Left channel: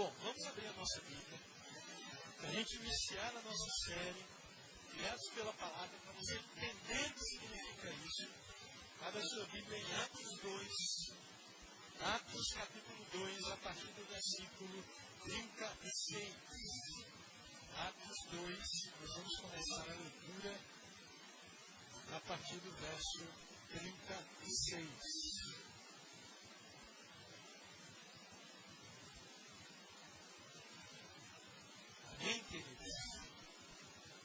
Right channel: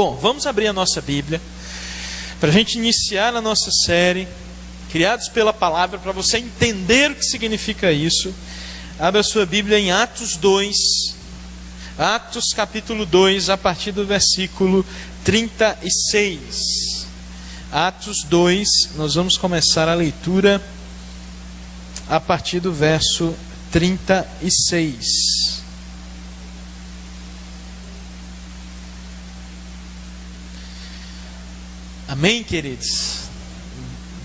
Bom, vamos abrir a nossa Bíblia para a gente iniciar a nossa série Criados pela Palavra, para você entender o que significa isso. Abra a sua Bíblia em Atos 2, Atos capítulo 2, a partir do versículo 36. Atos 2, nós vamos começar a leitura a partir do verso 36. Amém, queridos?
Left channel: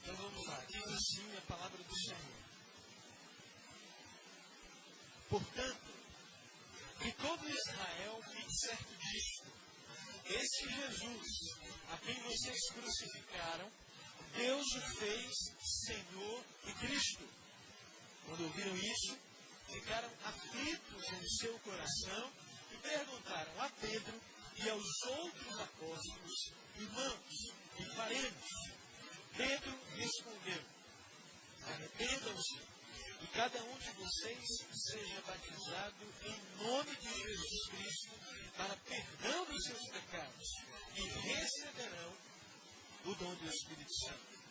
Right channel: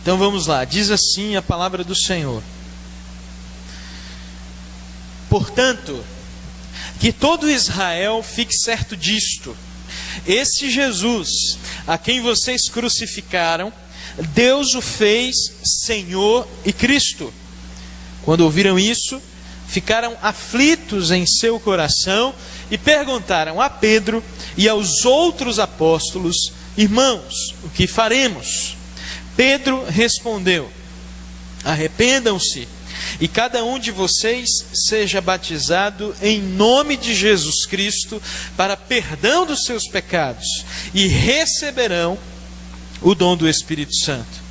Então vamos lá, diz assim a palavra do Senhor: portanto, que todo Israel fique certo disto: esse Jesus, a quem vocês crucificaram, Deus o fez Senhor e Cristo. Quando ouviram isso, ficaram aflitos em seu coração e perguntaram a Pedro e aos outros apóstolos: irmãos, o que faremos? Pedro respondeu: arrependam-se e cada um de vocês seja batizado em nome de Jesus Cristo para perdão dos seus pecados, e receberão o dom do Espírito Santo.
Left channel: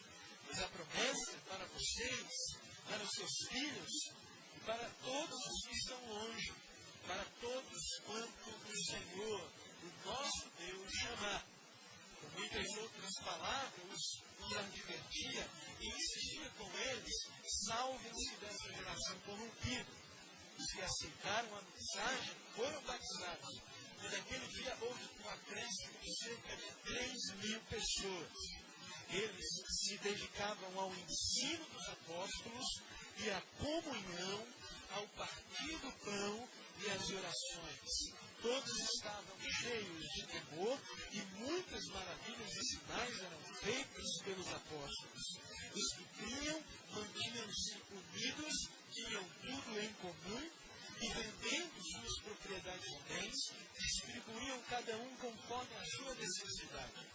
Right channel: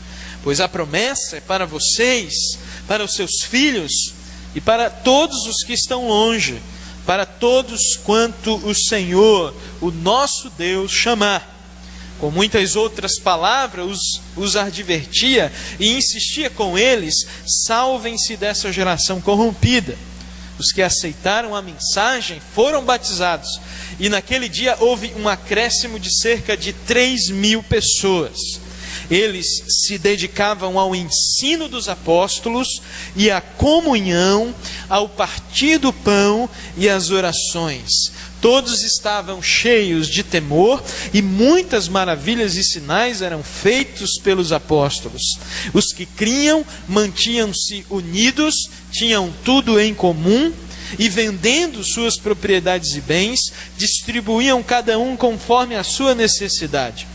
Pois a promessa é para vocês, para os seus filhos e para todos os que estão longe, para todos quanto o Senhor, o nosso Deus, chamar. Com muitas outras palavras os advertia e insistia com eles: salvem-se dessa geração corrompida. Os que aceitaram a mensagem foram batizados, e naquele dia houve um acréscimo de cerca de 3.000 pessoas. Eles se dedicavam ao ensino dos apóstolos e à comunhão, ao partir do pão e às orações. Todos estavam cheios de temor e muitas maravilhas e sinais eram feitos pelos apóstolos. Os que criam mantinham-se unidos, tinham tudo em comum e, vendendo suas propriedades e bens, distribuíam cada um conforme a sua necessidade.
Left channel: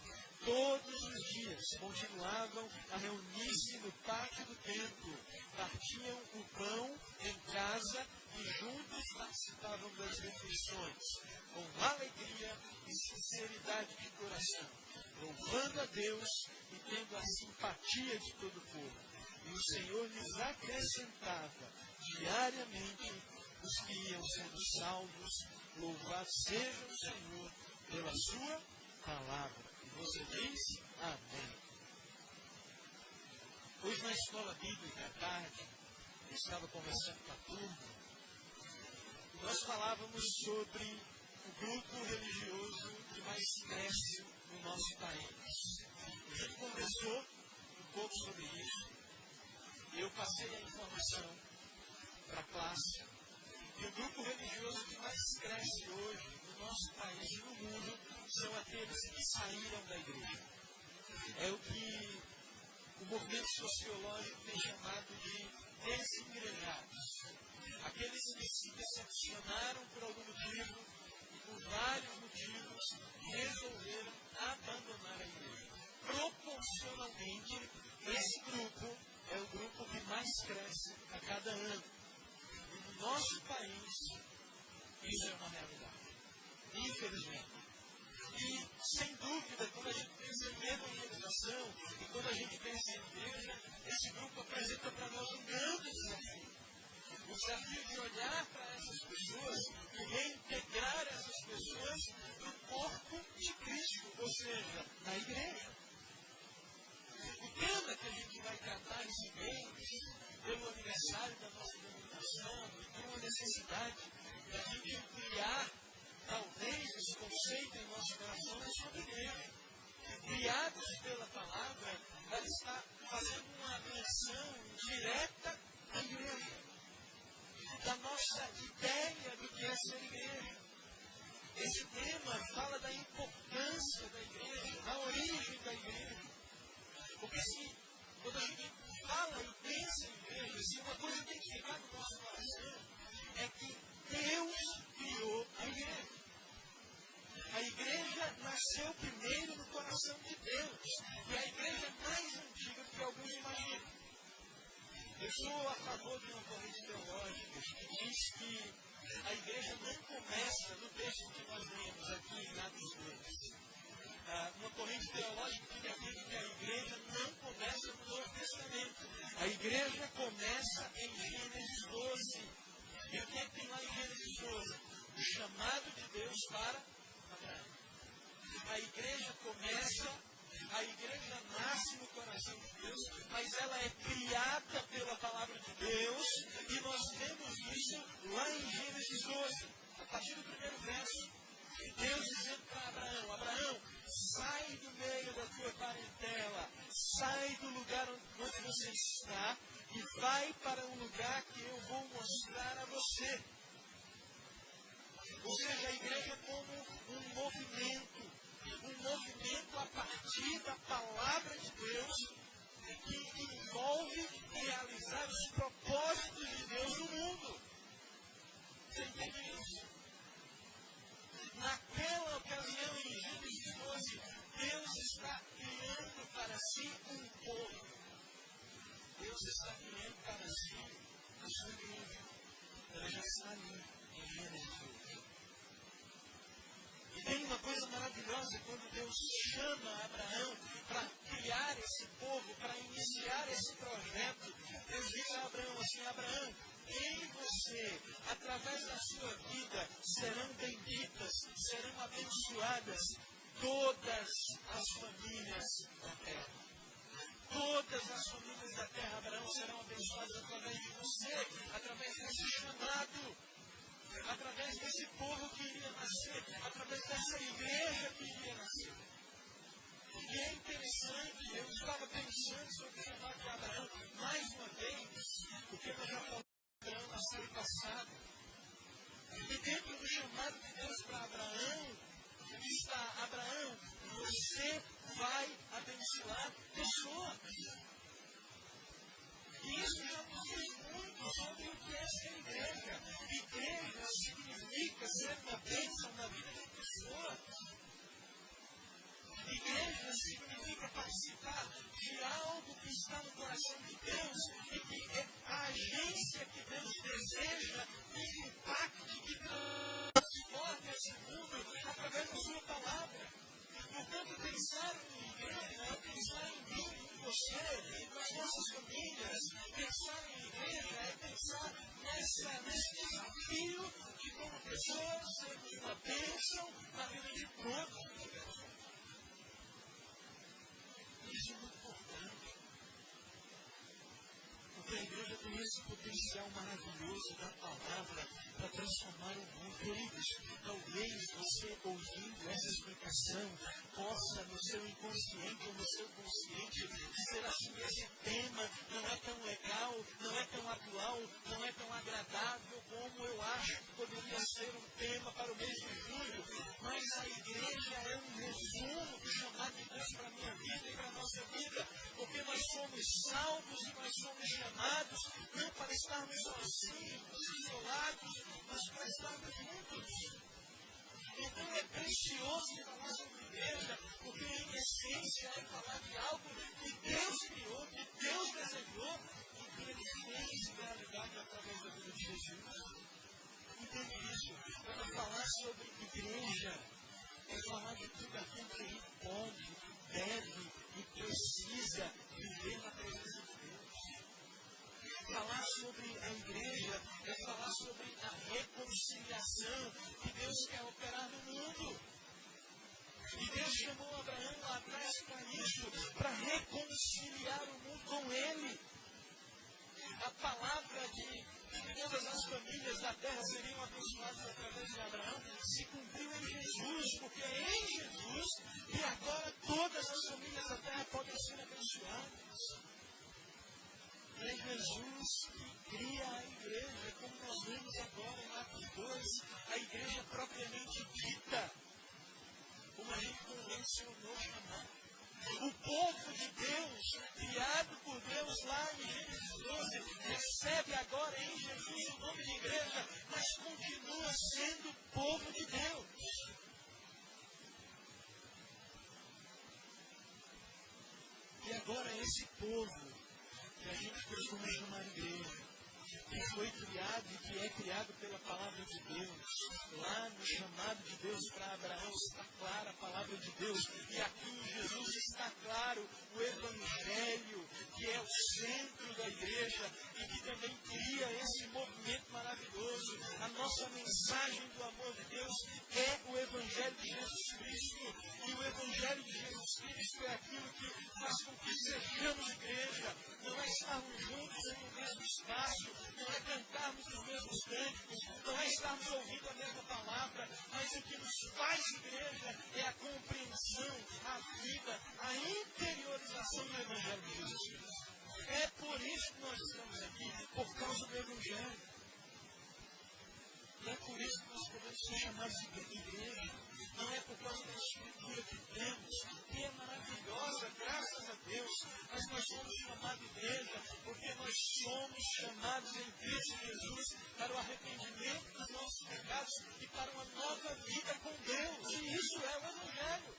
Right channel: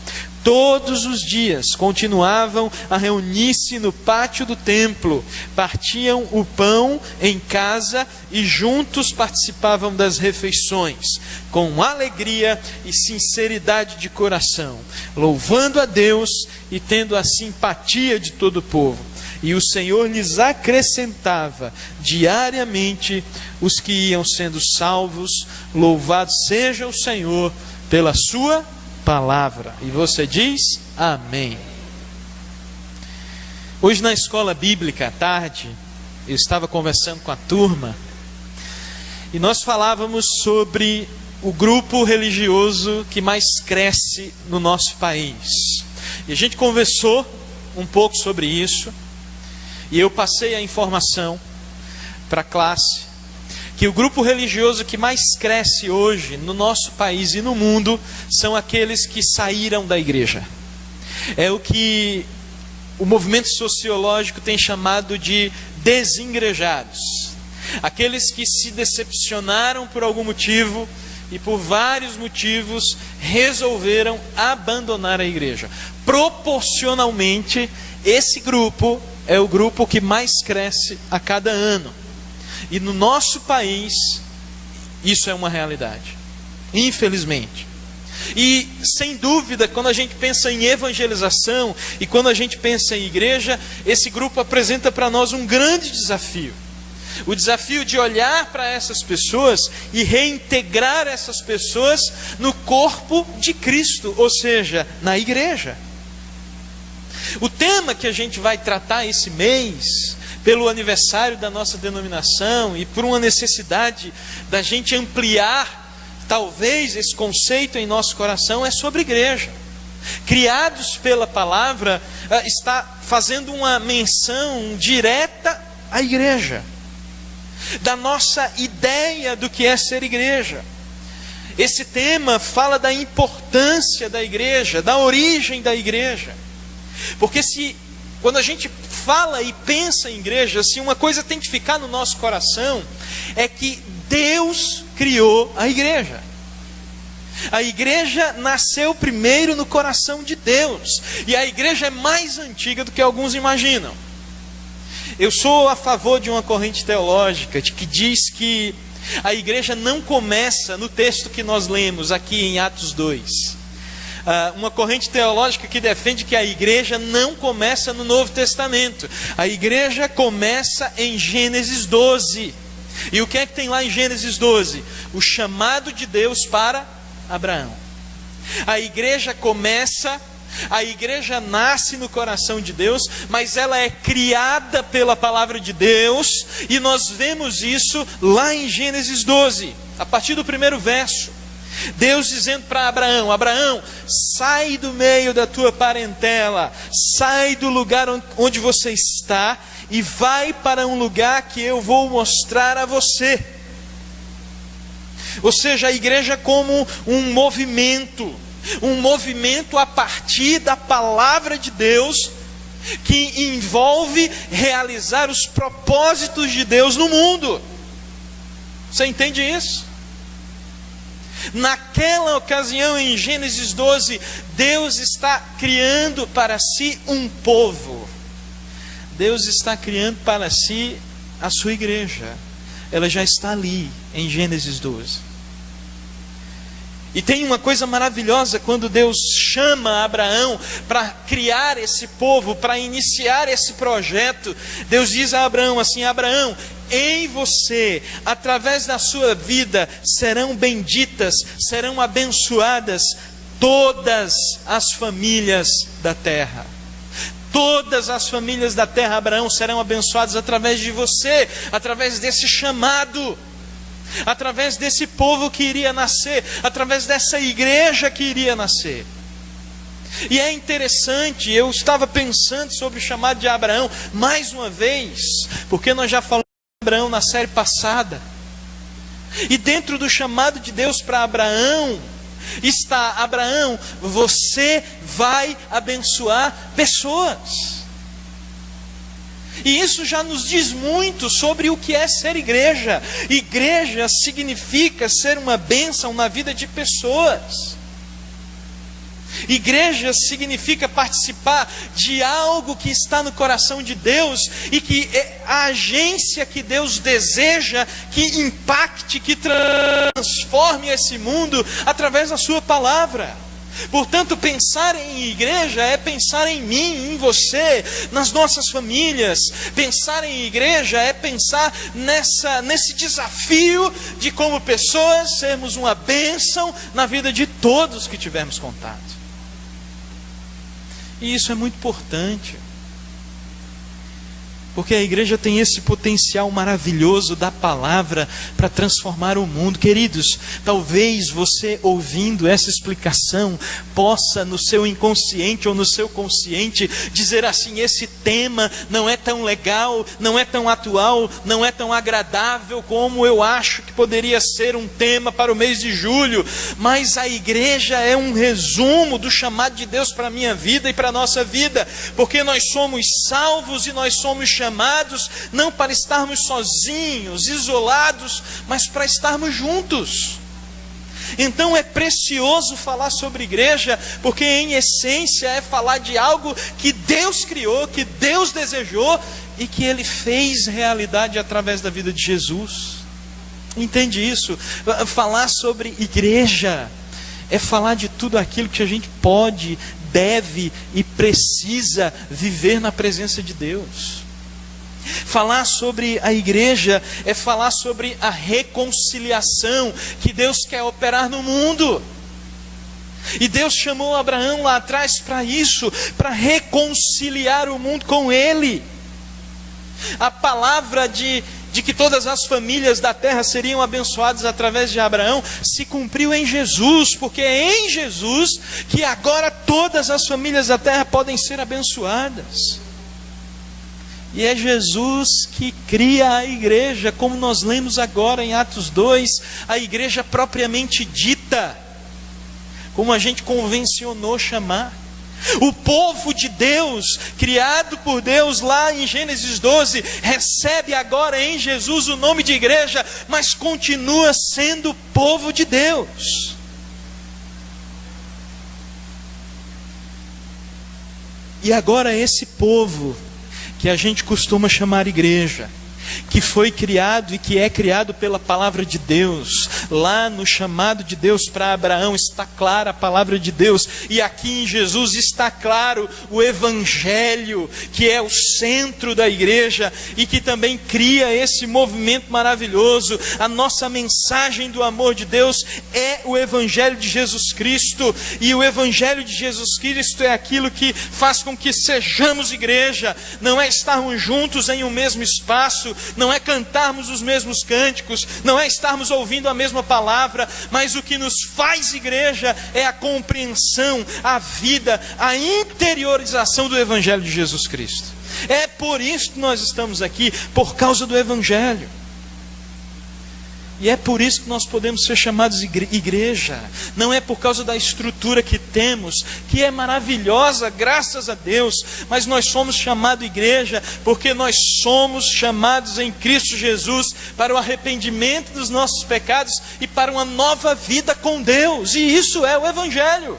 Todos os dias continuavam a reunir-se no pátio do templo, partiam o pão em casa e juntos participavam das refeições, com alegria e sinceridade de coração, louvando a Deus e tendo a simpatia de todo o povo. E o Senhor lhes acrescentava diariamente os que iam sendo salvos. Louvado seja o Senhor pela sua palavra. E você diz amém. Hoje na escola bíblica à tarde, eu estava conversando com a turma e nós falávamos sobre o grupo religioso que mais cresce no nosso país. E a gente conversou um pouco sobre isso e eu passei a informação para a classe que o grupo religioso que mais cresce hoje no nosso país e no mundo são aqueles que saíram da igreja. É o que o movimento sociológico tem chamado de desengrejados. Aqueles que se decepcionaram por algum motivo e por vários motivos resolveram abandonar a igreja. Proporcionalmente, esse grupo é o grupo que mais cresce a cada ano. E no nosso país, isso é uma realidade, infelizmente. E, sem dúvida, quando a gente pensa em evangelização e quando a gente pensa em igreja, esse grupo apresenta para nós um grande desafio. O desafio de olhar para essas pessoas e reintegrar essas pessoas no corpo de Cristo, ou seja, na igreja. O tema que a gente vai tratar esse mês, pelo aniversário da nossa denominação e por uma necessidade da gente ampliar, talvez, esse conceito em nosso coração, é sobre igreja. Criados pela palavra, está fazendo uma menção direta à igreja, da nossa ideia do que é ser igreja. Esse tema fala da importância da igreja, da origem da igreja. Porque quando a gente fala e pensa em igreja, assim, uma coisa tem que ficar no nosso coração, é que Deus criou a igreja. A igreja nasceu primeiro no coração de Deus, e a igreja é mais antiga do que alguns imaginam. Eu sou a favor de uma corrente teológica que diz que a igreja não começa no texto que nós lemos aqui em Atos 2. uma corrente teológica que defende que a igreja não começa no Novo Testamento. A igreja começa em Gênesis 12. E o que é que tem lá em Gênesis 12? O chamado de Deus para Abraão. A igreja começa, a igreja nasce no coração de Deus, mas ela é criada pela palavra de Deus, e nós vemos isso lá em Gênesis 12, a partir do primeiro verso. Deus dizendo para Abraão: Abraão, sai do meio da tua parentela, sai do lugar onde você está e vai para um lugar que eu vou mostrar a você. Ou seja, a igreja como um movimento a partir da palavra de Deus, que envolve realizar os propósitos de Deus no mundo. Você entende isso? Naquela ocasião, em Gênesis 12, Deus está criando para si um povo. Deus está criando para si a sua igreja. Ela já está ali, em Gênesis 12. E tem uma coisa maravilhosa quando Deus chama Abraão para criar esse povo, para iniciar esse projeto. Deus diz a Abraão assim: Abraão, em você, através da sua vida, serão benditas, serão abençoadas todas as famílias da terra. Todas as famílias da terra, Abraão, serão abençoadas através de você, através desse chamado, através desse povo que iria nascer, através dessa igreja que iria nascer. E é interessante, eu estava pensando sobre o chamado de Abraão mais uma vez, porque nós já falamos de Abraão na série passada. E dentro do chamado de Deus para Abraão está: Abraão, você vai abençoar pessoas. E isso já nos diz muito sobre o que é ser igreja. Igreja significa ser uma bênção na vida de pessoas. Igreja significa participar de algo que está no coração de Deus e que é a agência que Deus deseja que impacte, que transforme esse mundo através da sua palavra. Portanto, pensar em igreja é pensar em mim, em você, nas nossas famílias. Pensar em igreja é pensar nesse desafio de, como pessoas, sermos uma bênção na vida de todos que tivermos contato. E isso é muito importante, porque a igreja tem esse potencial maravilhoso da palavra para transformar o mundo. Queridos, talvez você, ouvindo essa explicação, possa no seu inconsciente ou no seu consciente dizer assim: esse tema não é tão legal, não é tão atual, não é tão agradável como eu acho que poderia ser um tema para o mês de julho. Mas a igreja é um resumo do chamado de Deus para a minha vida e para a nossa vida, porque nós somos salvos e nós somos chamados não para estarmos sozinhos, isolados, mas para estarmos juntos. Então é precioso falar sobre igreja, porque em essência é falar de algo que Deus criou, que Deus desejou e que Ele fez realidade através da vida de Jesus. Entende isso? Falar sobre igreja é falar de tudo aquilo que a gente pode, deve e precisa viver na presença de Deus. Falar sobre a igreja é falar sobre a reconciliação que Deus quer operar no mundo. E Deus chamou Abraão lá atrás para isso, para reconciliar o mundo com Ele. A palavra de que todas as famílias da terra seriam abençoadas através de Abraão se cumpriu em Jesus, porque é em Jesus que agora todas as famílias da terra podem ser abençoadas. E é Jesus que cria a igreja, como nós lemos agora em Atos 2, a igreja propriamente dita, como a gente convencionou chamar. O povo de Deus, criado por Deus lá em Gênesis 12, recebe agora em Jesus o nome de igreja, mas continua sendo povo de Deus. E agora esse povo, que a gente costuma chamar igreja, que foi criado e que é criado pela palavra de Deus. Lá no chamado de Deus para Abraão está clara a palavra de Deus, e aqui em Jesus está claro o Evangelho, que é o centro da igreja e que também cria esse movimento maravilhoso. A nossa mensagem do amor de Deus é o Evangelho de Jesus Cristo, e o Evangelho de Jesus Cristo é aquilo que faz com que sejamos igreja. Não é estarmos juntos em um mesmo espaço, não é cantarmos os mesmos cânticos, não é estarmos ouvindo a mesma palavra, mas o que nos faz igreja é a compreensão, a vida, a interiorização do Evangelho de Jesus Cristo. É por isso que nós estamos aqui, por causa do Evangelho. E é por isso que nós podemos ser chamados igreja. Não é por causa da estrutura que temos, que é maravilhosa, graças a Deus, mas nós somos chamados igreja porque nós somos chamados em Cristo Jesus para o arrependimento dos nossos pecados e para uma nova vida com Deus. E isso é o Evangelho.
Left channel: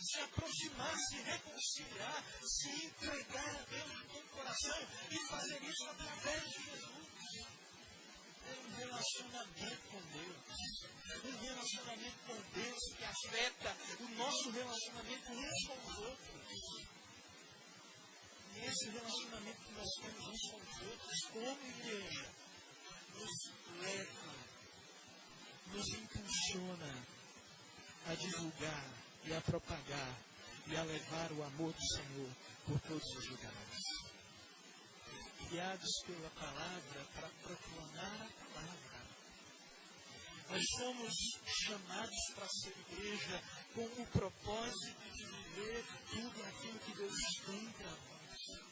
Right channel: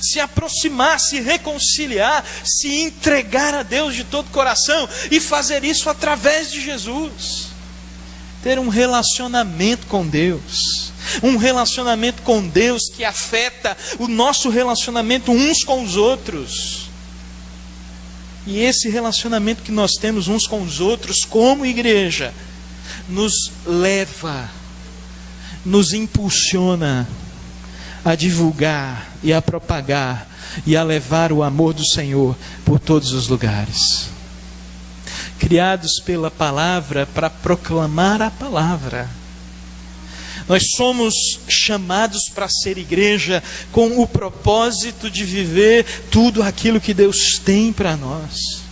Se aproximar, se reconciliar, se entregar a Deus de todo o coração e fazer isso através de Jesus. Ter um relacionamento com Deus, um relacionamento com Deus que afeta o nosso relacionamento uns com os outros. E esse relacionamento que nós temos uns com os outros como igreja, nos leva, nos impulsiona a divulgar e a propagar e a levar o amor do Senhor por todos os lugares. Criados pela palavra para proclamar a palavra. Nós somos chamados para ser igreja com o propósito de viver tudo aquilo que Deus tem para nós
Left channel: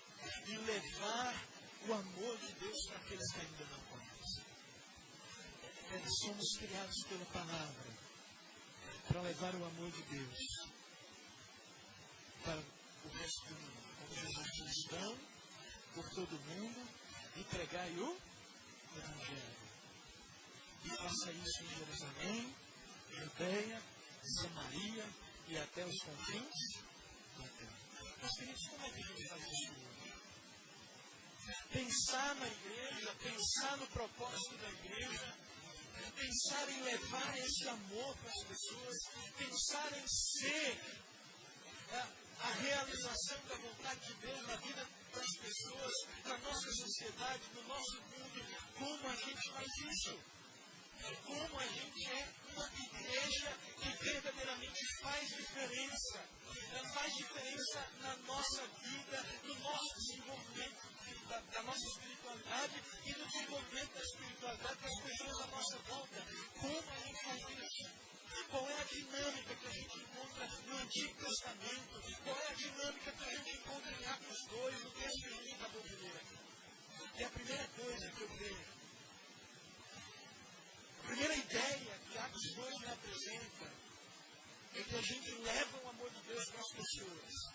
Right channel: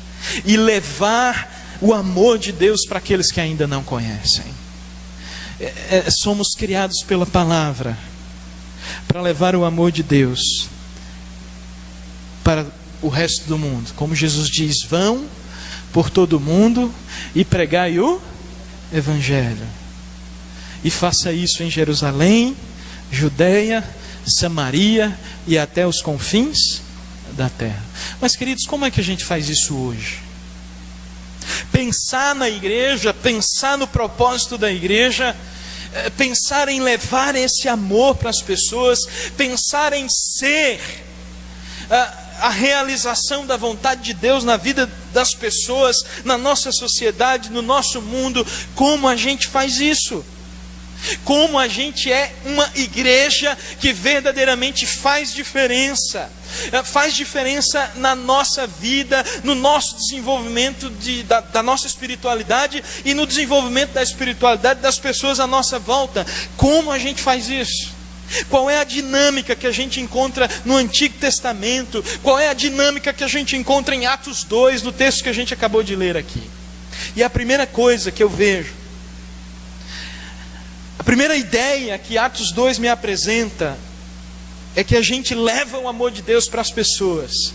e levar o amor de Deus para aqueles que ainda não conhecem. Somos criados pela palavra para levar o amor de Deus para o resto do mundo. Como Jesus diz, vão por todo o mundo e pregai o Evangelho. E faça isso em Jerusalém, Judeia, Samaria e até os confins da terra. Mas, queridos, como é que a gente faz isso hoje? Pensar na igreja, pensar no propósito da igreja, pensar em levar esse amor para as pessoas, pensar em ser a realização da vontade de Deus na vida das pessoas, na nossa sociedade, no nosso mundo. Como a gente faz isso? Como a gente é uma igreja que verdadeiramente faz diferença na nossa vida, no nosso desenvolvimento da nossa espiritualidade e no desenvolvimento da espiritualidade das pessoas à nossa volta. Como a gente faz isso? Qual é a dinâmica que a gente encontra no Antigo Testamento? Qual é a dinâmica que a gente encontra em Atos 2, no texto que a gente acabou de ler aqui? E a primeira coisa que eu vejo, a primeira ideia que Atos 2 me apresenta, é que a gente leva o amor de Deus para as pessoas.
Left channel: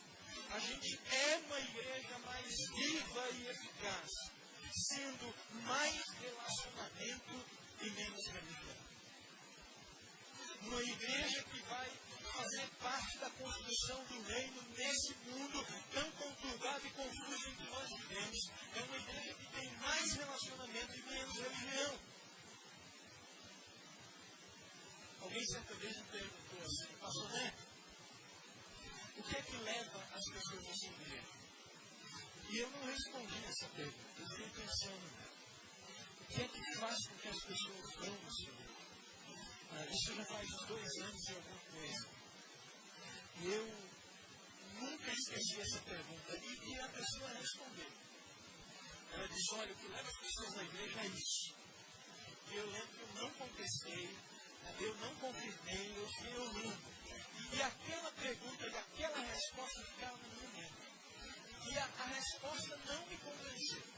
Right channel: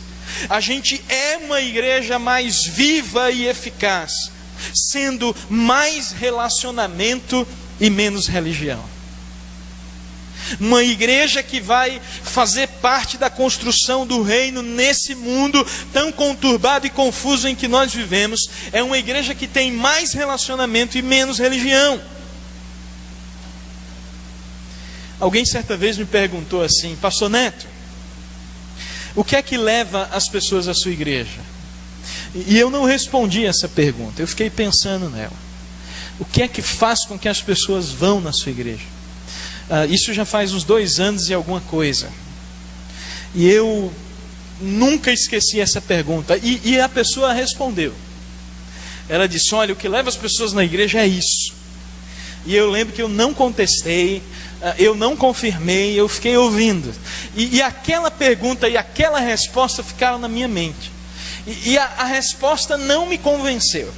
A gente é uma igreja mais viva e eficaz, sendo mais relacionamento e menos religião. Uma igreja que vai fazer parte da construção do reino nesse mundo tão conturbado e confuso em que nós vivemos, é uma igreja que tem mais relacionamento e menos religião. Alguém certa vez me perguntou assim: Pastor Neto, o que é que leva as pessoas à sua igreja? E eu não respondi essa pergunta, eu fiquei pensando nela. O que é que faz com que as pessoas vão na sua igreja? Isso já faz uns 2 anos e alguma coisa. E eu nunca esqueci essa pergunta. E a pessoa respondeu. Ela disse: olha, o que leva as pessoas na igreja é isso. E eu lembro que eu não contestei, eu não confirmei, eu fiquei ouvindo. E aquela pergunta e aquela resposta ficaram na minha mente. E a resposta não me convenceu.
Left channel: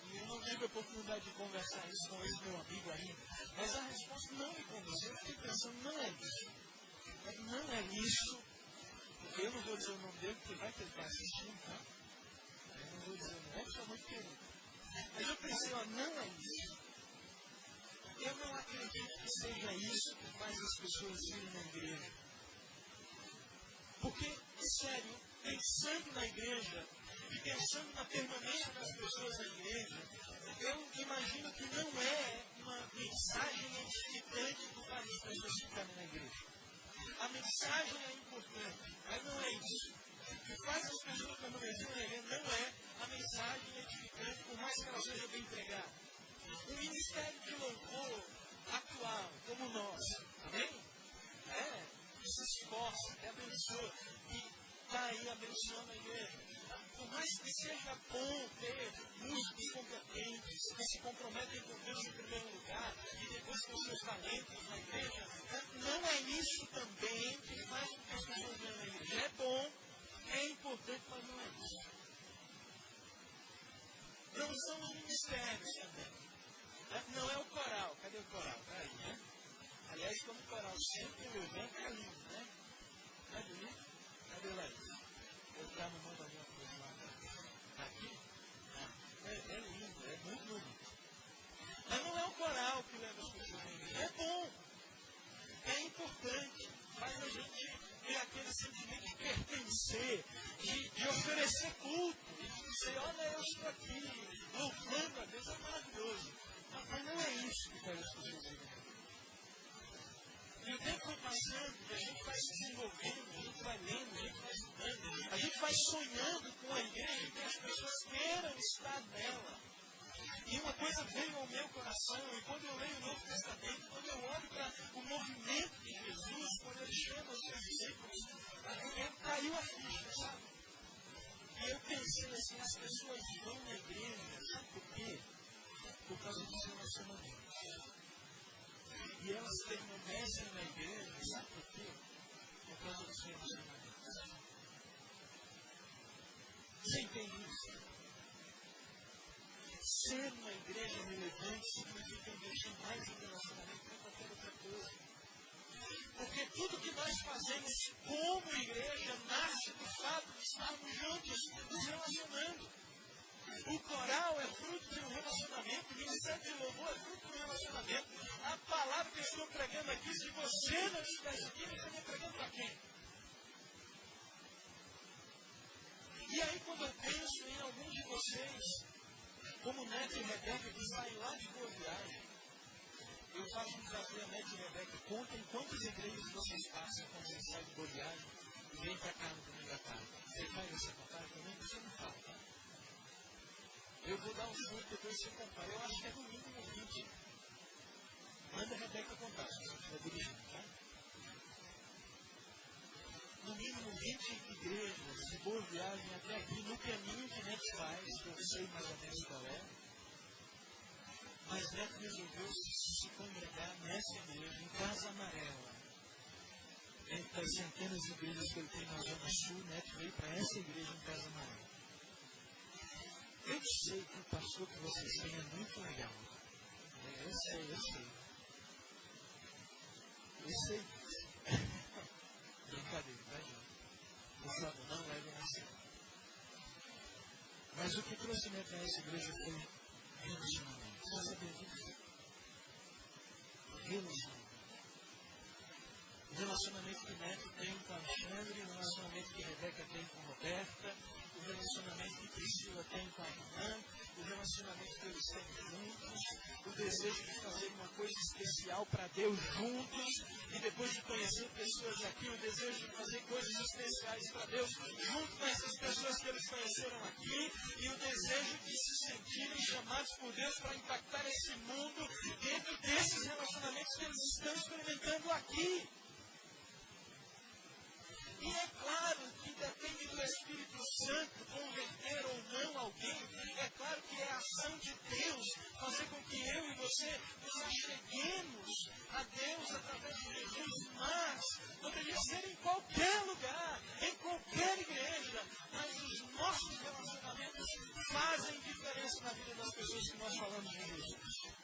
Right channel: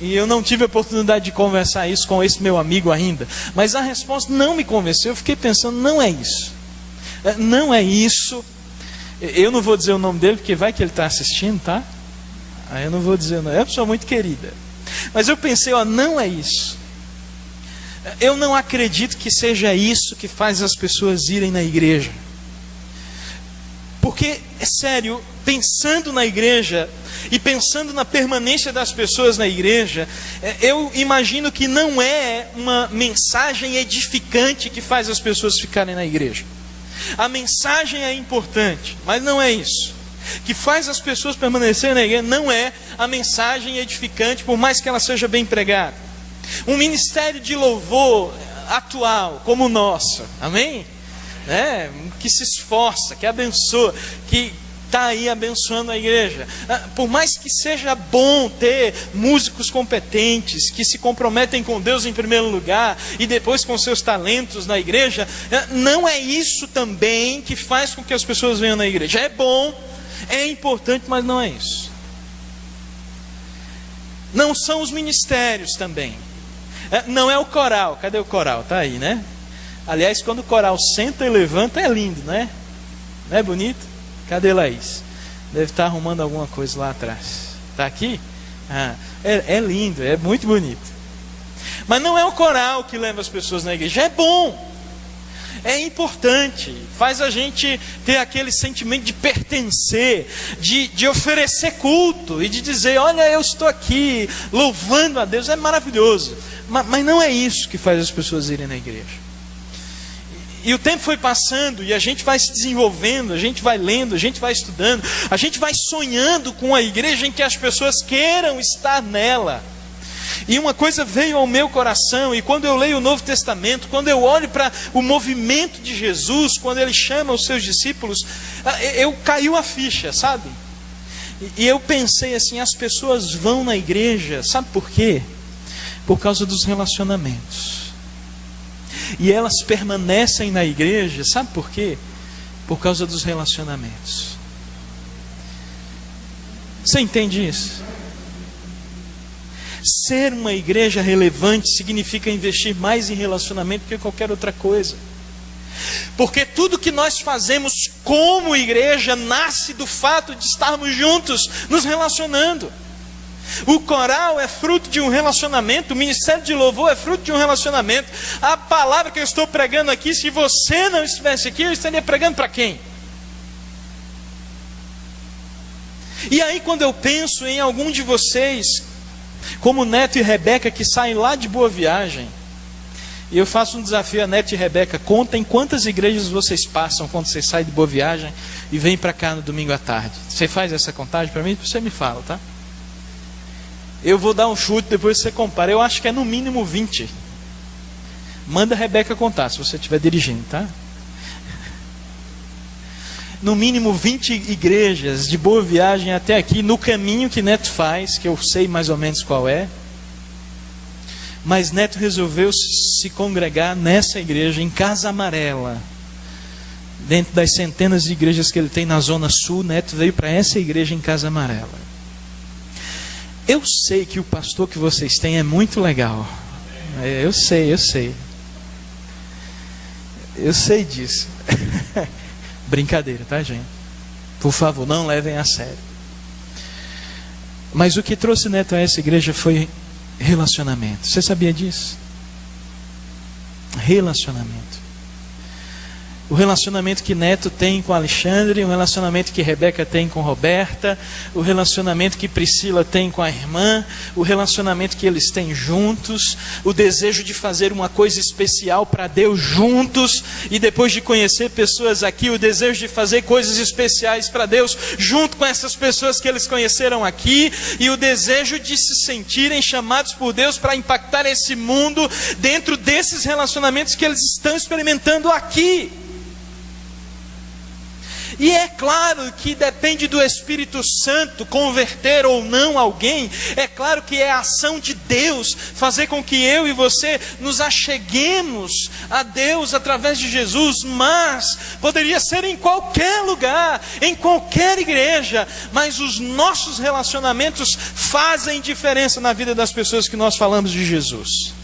E eu não tive a oportunidade de conversar isso com esse meu amigo ainda. Mas a resposta não me convenceu. Eu fiquei pensando, não é isso. Não é isso. Eu não vou dizer o nome dele, porque vai que ele está assistindo, tá? Aí eu não vou dizer o nome. É uma pessoa muito querida. Mas eu pensei, não é isso. Eu não acredito que seja isso que faz as pessoas irem na igreja. Porque, é sério, pensando na igreja e pensando na permanência das pessoas na igreja, eu imagino que não é uma mensagem edificante que faz as pessoas ficarem na igreja. A mensagem é importante, mas não é isso. Que faz as pessoas permanecerem na igreja não é a mensagem edificante, por mais que ela seja bem pregada. Um ministério de louvor atual, como o nosso, amém? Que se esforça, que abençoa, que está aí abençoando a igreja. Por mais que seja bom ter músicos competentes, que se comprometem com Deus em primeiro lugar, e depois com seus talentos na igreja, não é isso também que faz com que as pessoas venham na igreja. É bom, é importante, mas não é isso. Não são os ministérios também. Não é o coral. Cadê o coral? Está aí, né? Aliás, quando o coral senta e levanta, é lindo, né? Não é bonito? Cadê Laís? Deve estar arrumando alguma coisa lá atrás. Está aqui? É lindo, é muito bonito. Mas não é o coral que leva as pessoas na igreja. É bom, é importante, faz a gente ter aquele sentimento de pertencer, de oferecer culto e de dizer: olha, eu estou aqui louvando a Deus. É maravilhoso, mas não é isso que faz as pessoas irem na igreja. E o tempo foi passando e a gente vai se desenvolvendo, a gente vai lendo, a gente vai estudando, a gente vai sonhando com a igreja em que as pessoas queiram estar nela. E uma coisa veio ao meu coração, e quando eu leio o Novo Testamento, quando eu olho para o movimento de Jesus, quando ele chama os seus discípulos, caiu a ficha, sabe? E eu pensei assim: as pessoas vão na igreja, sabe por quê? Por causa dos relacionamentos. E elas permanecem na igreja, sabe por quê? Por causa dos relacionamentos. Você entende isso? Ser uma igreja relevante significa investir mais em relacionamento do que qualquer outra coisa. Porque tudo que nós fazemos como igreja nasce do fato de estarmos juntos, nos relacionando. O coral é fruto de um relacionamento, o ministério de louvor é fruto de um relacionamento. A palavra que eu estou pregando aqui, se você não estivesse aqui, eu estaria pregando para quem? E aí, quando eu penso em algum de vocês, como Neto e Rebeca, que saem lá de Boa Viagem, e eu faço um desafio a Neto e Rebeca: contem quantas igrejas vocês passam quando vocês saem de Boa Viagem e vêm para cá no domingo à tarde. Você faz essa contagem para mim? Você me fala, tá? Eu vou dar um chute, depois você compara. Eu acho que é no mínimo 20. Manda a Rebeca contar, se você estiver dirigindo, tá? No mínimo 20 igrejas de Boa Viagem até aqui, no caminho que Neto faz, que eu sei mais ou menos qual é. Mas Neto resolveu se congregar nessa igreja, em Casa Amarela. Dentro das centenas de igrejas que ele tem na Zona Sul, Neto veio para essa igreja em Casa Amarela. Eu sei que o pastor que vocês têm é muito legal. Eu sei. Eu sei disso. Brincadeira, tá, gente? Por favor, não levem a sério. Mas o que trouxe Neto a essa igreja foi relacionamento. Você sabia disso? Relacionamento. O relacionamento que Neto tem com Alexandre, o relacionamento que Rebeca tem com Roberta, o relacionamento que Priscila tem com a irmã, o relacionamento que eles têm juntos, o desejo de fazer uma coisa especial para Deus juntos, e depois de conhecer pessoas aqui, o desejo de fazer coisas especiais para Deus junto com essas pessoas que eles conheceram aqui, e o desejo de se sentirem chamados por Deus para impactar esse mundo dentro desses relacionamentos que eles estão experimentando aqui. E é claro que depende do Espírito Santo converter ou não alguém. É claro que é a ação de Deus fazer com que eu e você nos acheguemos a Deus através de Jesus. Mas poderia ser em qualquer lugar, em qualquer igreja. Mas os nossos relacionamentos fazem diferença na vida das pessoas que nós falamos de Jesus.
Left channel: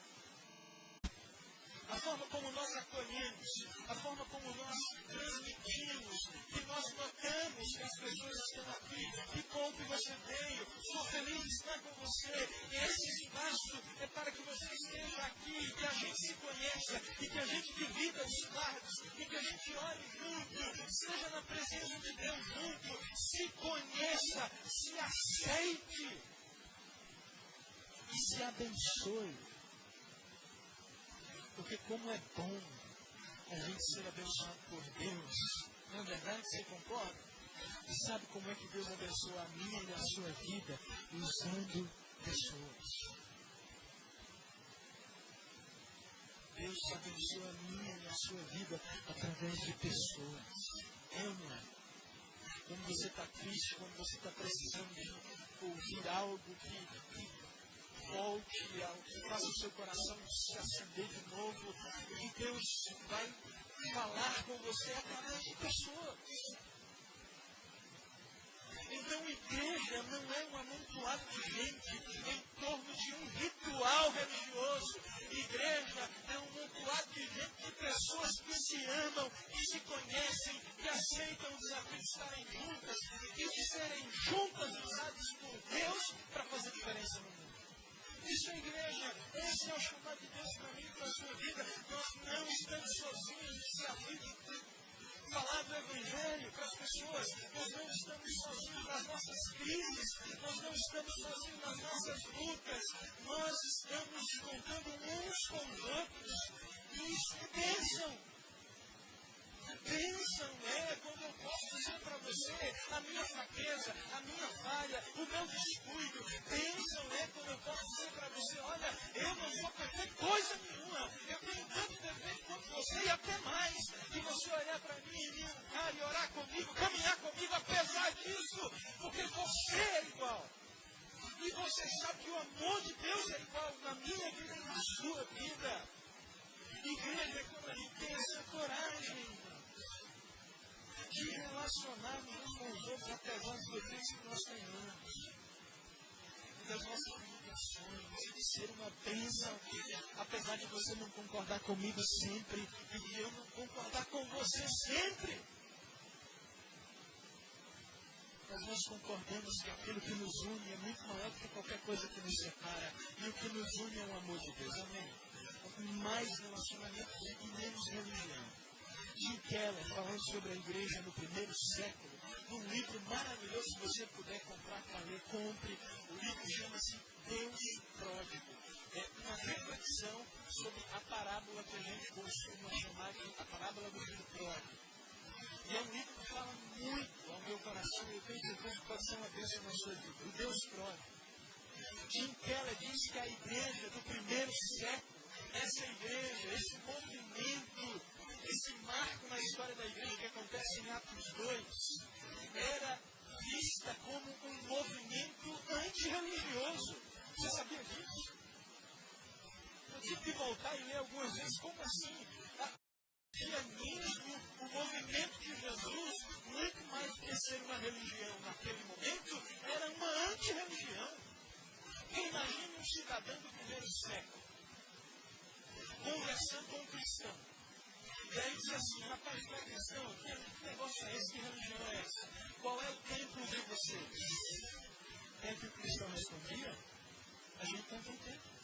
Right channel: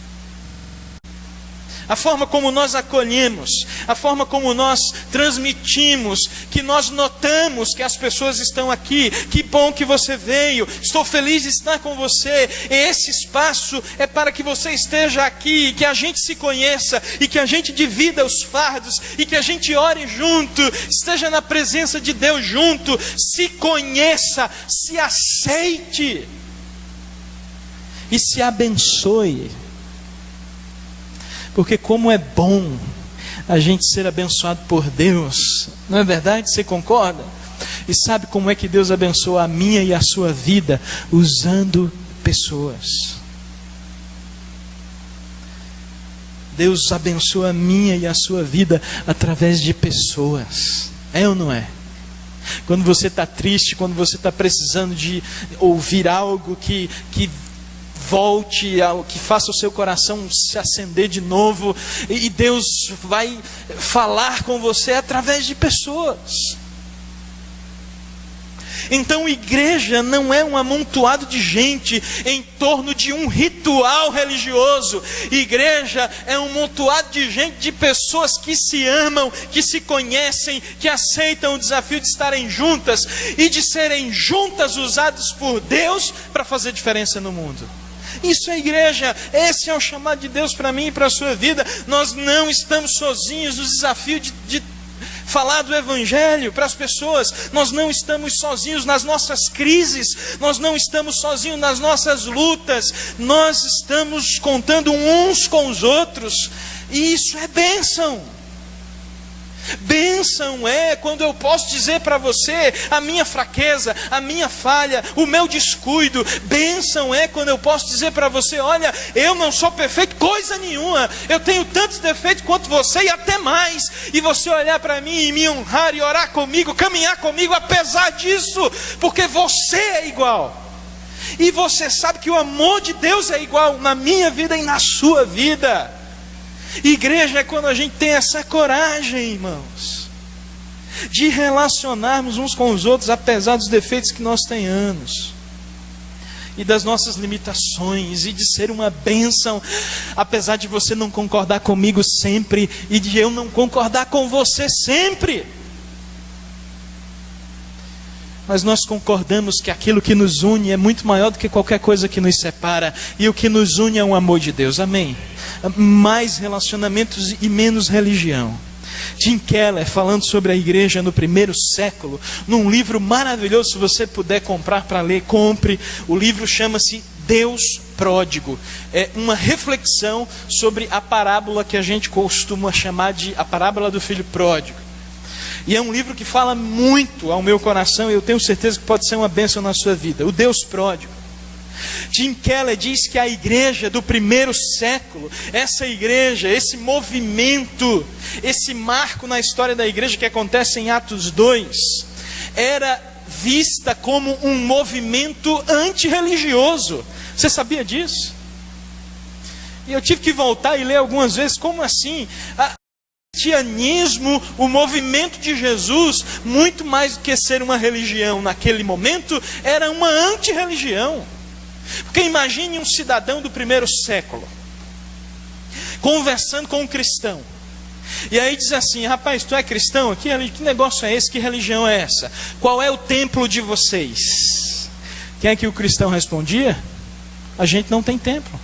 a forma como nós acolhemos, a forma como nós transmitimos, que nós notamos que as pessoas estão aqui. Que bom que você veio, estou feliz de estar com você. Esse espaço é para que você esteja aqui, que a gente se conheça e que a gente divida os fardos e que a gente ore junto, esteja na presença de Deus junto, se conheça, se aceite e se abençoe. Porque como é bom a gente ser abençoado por Deus, não é verdade? Você concorda? E sabe como é que Deus abençoa a minha e a sua vida? Usando pessoas. Deus abençoa a minha e a sua vida através de pessoas. É ou não é? Quando você está triste, quando você está precisando de ouvir algo que volte, que faça o seu coração se acender de novo, e Deus vai falar com você através de pessoas. Então igreja não é um amontoado de gente em torno de um ritual religioso. Igreja é um amontoado de gente, de pessoas que se amam, que se conhecem, que aceitam o desafio de estarem juntas e de serem juntas usadas por Deus para fazer diferença no mundo. Isso é igreja, esse é o chamado de Deus para mim e para a sua vida. Nós não estamos sozinhos no desafio de falar do Evangelho para as pessoas. Nós não estamos sozinhos nas nossas crises, nós não estamos sozinhos nas nossas lutas, nós estamos contando uns com os outros, e isso é bênção. Bênção é quando eu posso dizer para você a minha fraqueza, a minha falha, o meu descuido. Bênção é quando eu posso dizer para você: olha, eu não sou perfeito coisa nenhuma, eu tenho tantos defeitos quanto você e até mais. E você olhar para mim e me honrar e orar comigo, caminhar comigo apesar disso, porque você é igual. E você sabe que o amor de Deus é igual na minha vida e na sua vida. Igreja é quando a gente tem essa coragem, irmãos, de relacionarmos uns com os outros apesar dos defeitos que nós tenhamos e das nossas limitações, e de ser uma bênção apesar de você não concordar comigo sempre e de eu não concordar com você sempre. Mas nós concordamos que aquilo que nos une é muito maior do que qualquer coisa que nos separa, e o que nos une é o amor de Deus. Amém? Mais relacionamentos e menos religião. Tim Keller, falando sobre a igreja no primeiro século, num livro maravilhoso, se você puder comprar para ler, compre. O livro chama-se Deus Pródigo. É uma reflexão sobre a parábola que a gente costuma chamar de a parábola do filho pródigo. E é um livro que fala muito ao meu coração, e eu tenho certeza que pode ser uma bênção na sua vida. O Deus Pródigo. Tim Keller diz que a igreja do primeiro século, essa igreja, esse movimento, esse marco na história da igreja que acontece em Atos 2, era vista como um movimento antirreligioso. Você sabia disso? E eu tive que voltar e ler algumas vezes. Como assim? O cristianismo, o movimento de Jesus, muito mais do que ser uma religião naquele momento, era uma antirreligião. Porque imagine um cidadão do primeiro século conversando com um cristão, e aí diz assim: rapaz, tu é cristão? Que negócio é esse? Que religião é essa? Qual é o templo de vocês? Quem é que o cristão respondia? A gente não tem templo.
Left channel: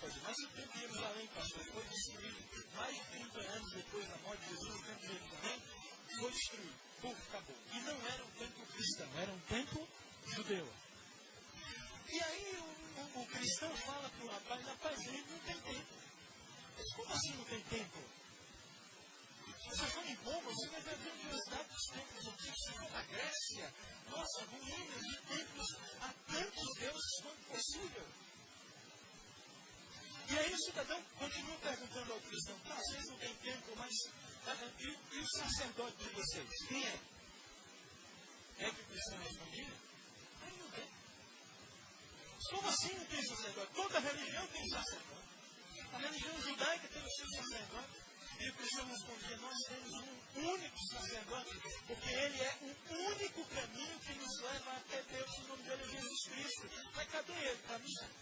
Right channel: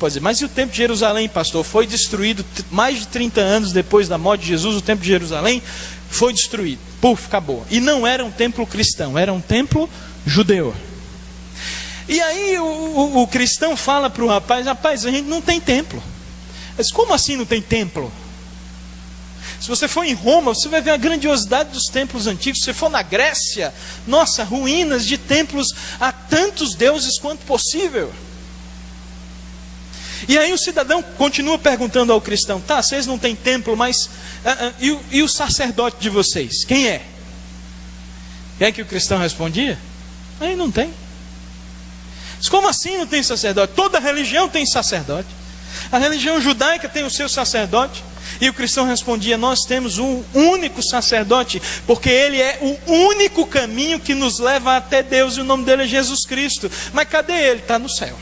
Pode dizer, mas e o templo de Jerusalém, pastor? Foi destruído mais de 30 anos depois da morte de Jesus. O templo de Jerusalém foi destruído. Puf, acabou. E não era um templo cristão, era um templo judeu. E aí o cristão fala para o rapaz: rapaz, a gente não tem templo. Mas como assim não tem templo? Se você for em Roma, você vai ver a grandiosidade dos templos antigos. Se você for na Grécia, nossa, ruínas de templos a tantos deuses quanto possível. E aí o cidadão continua perguntando ao cristão: tá, vocês não têm templo, mas e o sacerdote de vocês? Quem é? Quem é que o cristão respondia? Aí não tem. Mas como assim não tem sacerdote? Toda religião tem sacerdote. A religião judaica tem o seu sacerdote. E o cristão respondia: nós temos um único sacerdote, porque ele é o único caminho que nos leva até Deus, e o nome dele é Jesus Cristo. Mas cadê ele? Está no céu.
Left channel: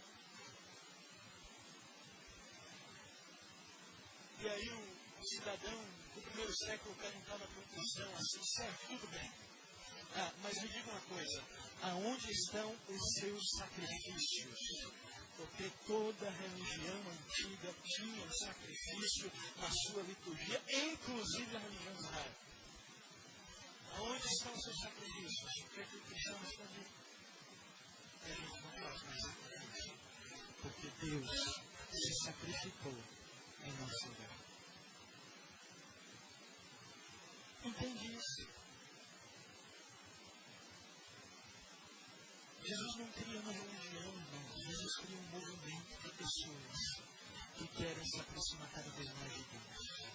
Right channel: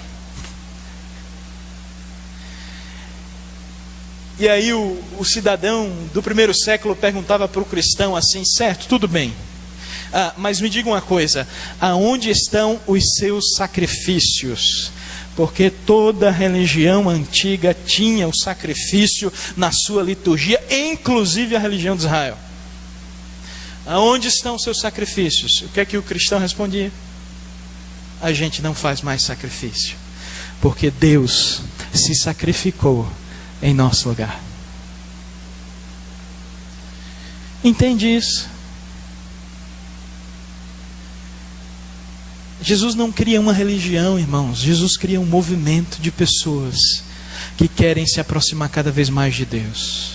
E aí o cidadão do primeiro século perguntava para o cristão assim: certo, tudo bem, mas me diga uma coisa, aonde estão os seus sacrifícios? Porque toda religião antiga tinha o sacrifício na sua liturgia, inclusive a religião de Israel. Aonde estão os seus sacrifícios? O que é que o cristão respondia? A gente não faz mais sacrifício, porque Deus se sacrificou em nosso lugar. Entende isso? Jesus não cria uma religião, irmãos. Jesus cria um movimento de pessoas que querem se aproximar cada vez mais de Deus.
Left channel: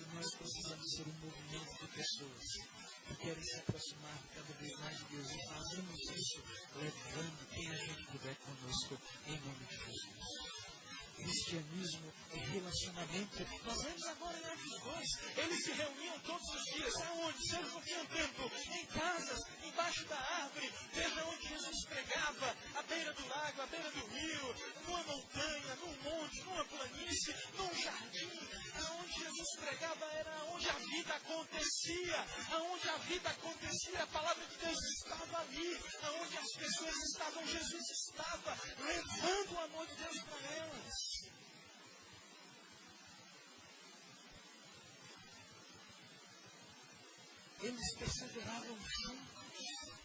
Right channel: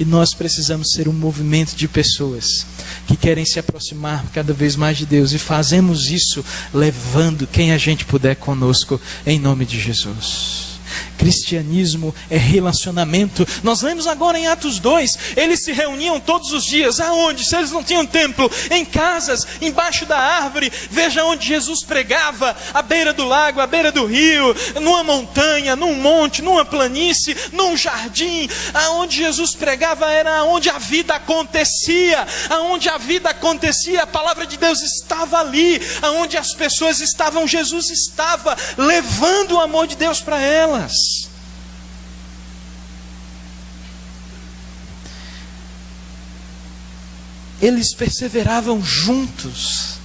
E nós precisamos ser um movimento de pessoas que querem se aproximar cada vez mais de Deus. E fazemos isso levando quem a gente puder conosco, em nome de Jesus. Cristianismo é relacionamento. Nós lemos agora em Atos 2, eles se reuniam todos os dias. Aonde? Se eles não tinham templo, em casas, embaixo da árvore. Veja onde Jesus pregava: à beira do lago, à beira do rio, numa montanha, num monte, numa planície, num jardim. Aonde Jesus pregava era onde a vida acontecia. Aonde a vida acontecia, a palavra de Deus estava ali. Aonde as pessoas estavam, Jesus estava levando o amor de Deus para elas. Eles perseveravam juntos.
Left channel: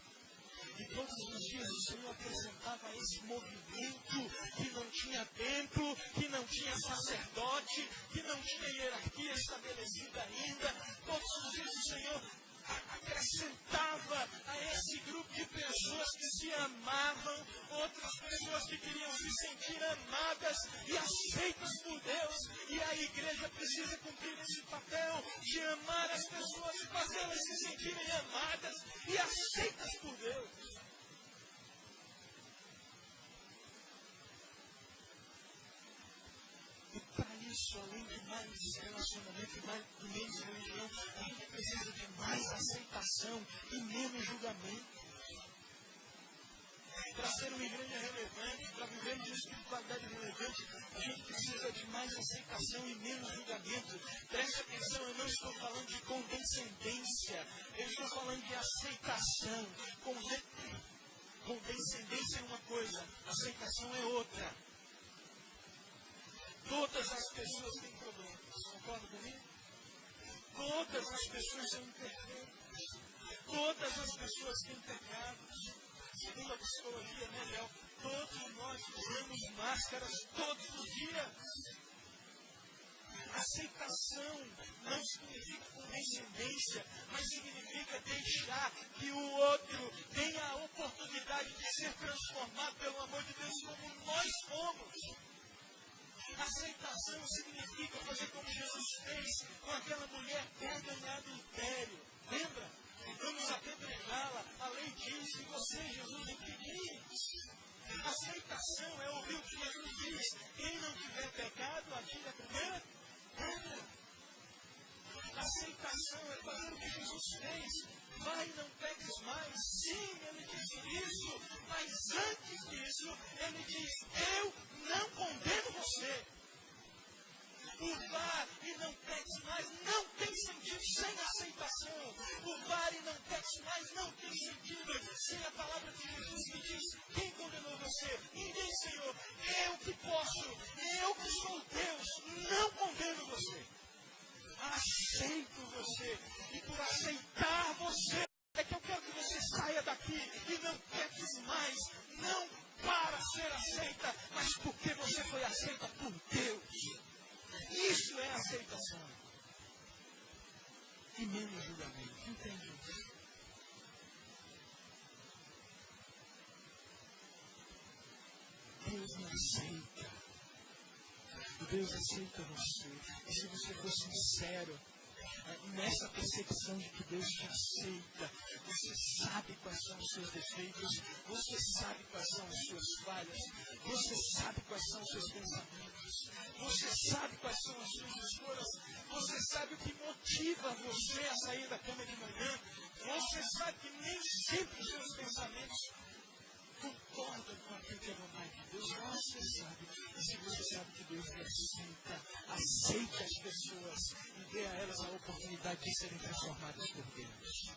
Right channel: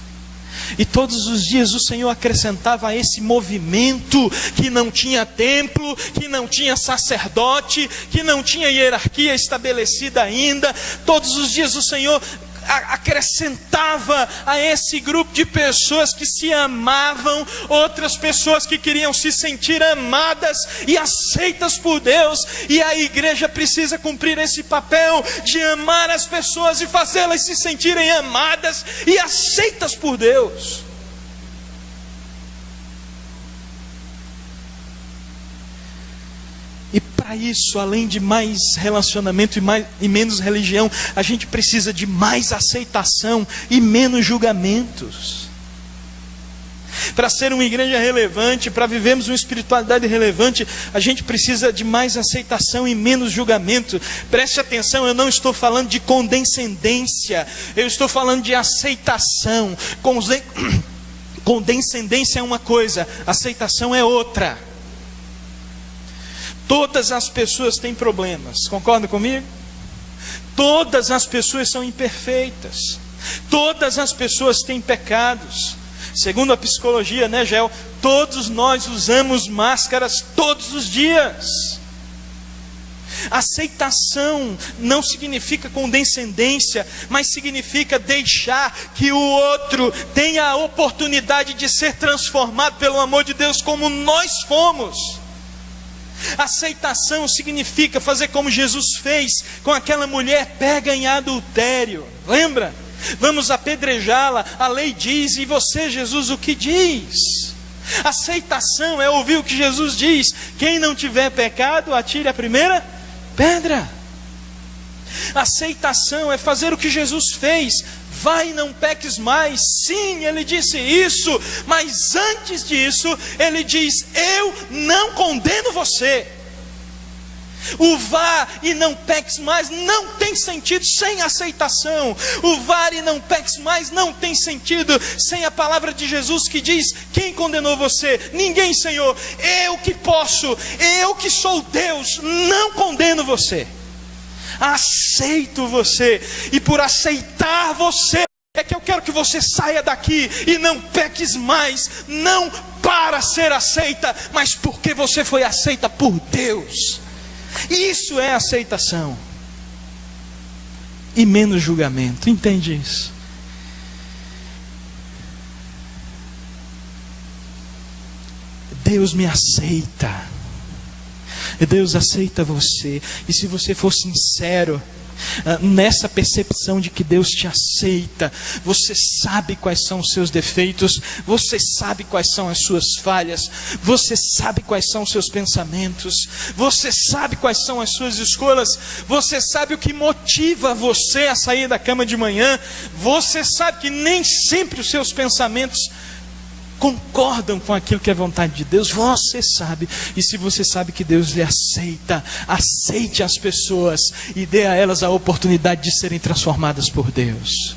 E todos os dias o Senhor acrescentava a esse movimento que não tinha templo, que não tinha sacerdote, que não tinha hierarquia estabelecida ainda. Todos os dias o Senhor acrescentava a esse grupo de pessoas que se amavam, outras pessoas que queriam se sentir amadas e aceitas por Deus. E a igreja precisa cumprir esse papel de amar as pessoas e fazê-las se sentirem amadas e aceitas por Deus. E para isso, além de mais relacionamento e menos religião, a gente precisa de mais aceitação e menos julgamentos. Para ser uma igreja relevante, para vivermos uma espiritualidade relevante, a gente precisa de mais aceitação e menos julgamento. Preste atenção, eu não estou falando de condescendência, eu estou falando de aceitação. Condescendência é uma coisa, aceitação é outra. Todas as pessoas têm problemas, concorda comigo? Todas as pessoas são imperfeitas. Todas as pessoas têm pecados. Segundo a psicologia, né, Gel? Todos nós usamos máscaras todos os dias. Aceitação não significa condescendência, mas significa deixar que o outro tenha a oportunidade de ser transformado pelo amor de Deus como nós fomos. Aceitação significa fazer como Jesus fez com aquela mulher pega em adultério. Lembra? Vamos apedrejá-la. A lei diz, e você, Jesus, o que diz? Aceitação é ouvir o que Jesus diz: quem não tiver pecado, atire a primeira pedra. Aceitação é fazer o que Jesus fez. Vai, não peques mais. Sim, ele disse isso, mas antes disso, ele diz: eu não condeno você. O vá e não peques mais não tem sentido sem aceitação. O vá e não peques mais não tem sentido sem a palavra de Jesus que diz: quem condenou você? Ninguém, Senhor. Eu que posso, eu que sou Deus, não condeno você. Aceito você, e por aceitar você é que eu quero que você saia daqui e não peques mais, não para ser aceita, mas porque você foi aceita por Deus. Isso é aceitação e menos julgamento, entende isso? Deus me aceita. Deus aceita você. E se você for sincero nessa percepção de que Deus te aceita, você sabe quais são os seus defeitos, você sabe quais são as suas falhas, você sabe quais são os seus pensamentos, você sabe quais são as suas escolhas, você sabe o que motiva você a sair da cama de manhã, você sabe que nem sempre os seus pensamentos concordam com aquilo que é vontade de Deus, você sabe. E se você sabe que Deus lhe aceita, aceite as pessoas e dê a elas a oportunidade de serem transformadas por Deus.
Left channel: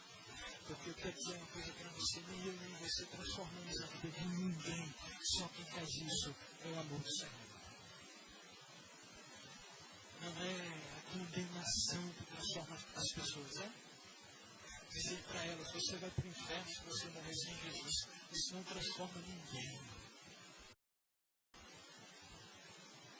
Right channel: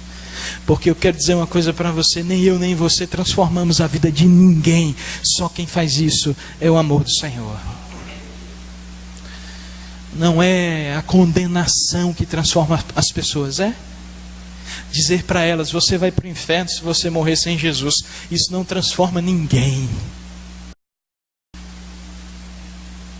Porque eu quero dizer uma coisa para você: nem eu nem você transformamos a vida de ninguém. Só quem faz isso é o amor do Senhor. Não é a condenação que transforma as pessoas, é? Dizer para elas: você vai para o inferno se você morrer sem Jesus. Isso não transforma ninguém.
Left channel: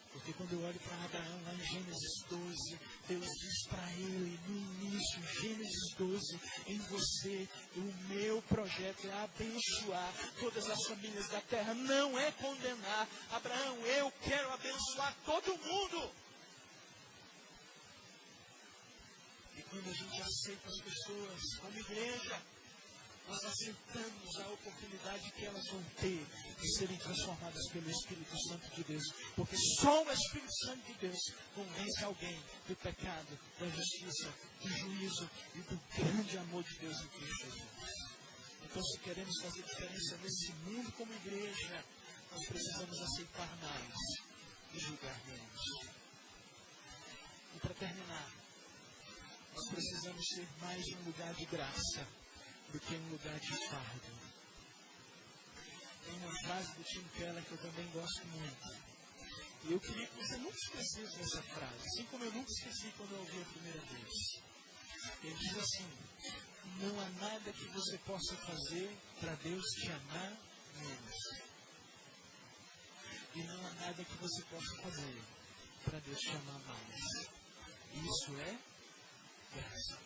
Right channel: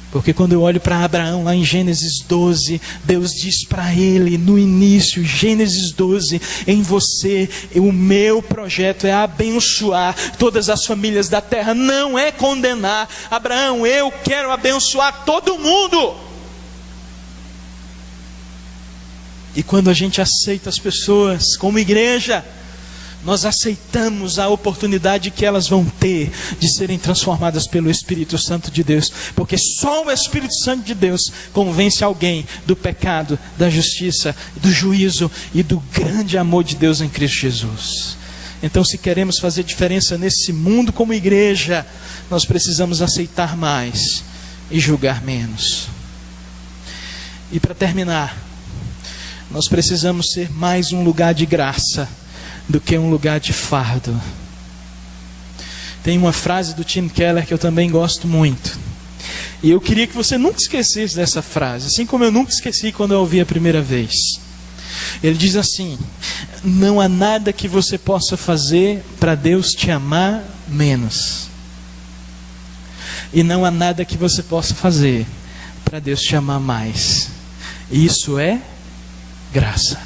Porque quando eu olho para Abraão lá em Gênesis 12, Deus diz para ele no início, Gênesis 12, em você, o meu projeto é abençoar todas as famílias da terra, não é condenar. Abraão, eu quero abençoar todo mundo. E quando a gente aceita as pessoas como igreja, nós aceitamos a oportunidade que elas vão ter de serem transformadas pelo Espírito Santo de Deus. Porque só o Espírito Santo de Deus convence alguém do pecado, da justiça, do juízo e do grande amor de Deus em Cristo Jesus. Então, se queremos fazer diferença nesse mundo como igreja, nós precisamos aceitar mais e julgar menos. E para terminar, nós precisamos ser mais um lugar de graça do que um lugar de fardo. Tem uma frase do Tim Keller que eu também gosto muito. E eu queria que você nunca esquecesse dessa frase, assim como eu nunca esqueci quando eu ouvi a primeira vez. Ele diz assim: não há nada que você possa fazer para Deus te amar menos. E não há nada que você possa fazer para Deus te amar mais. E isso é graça.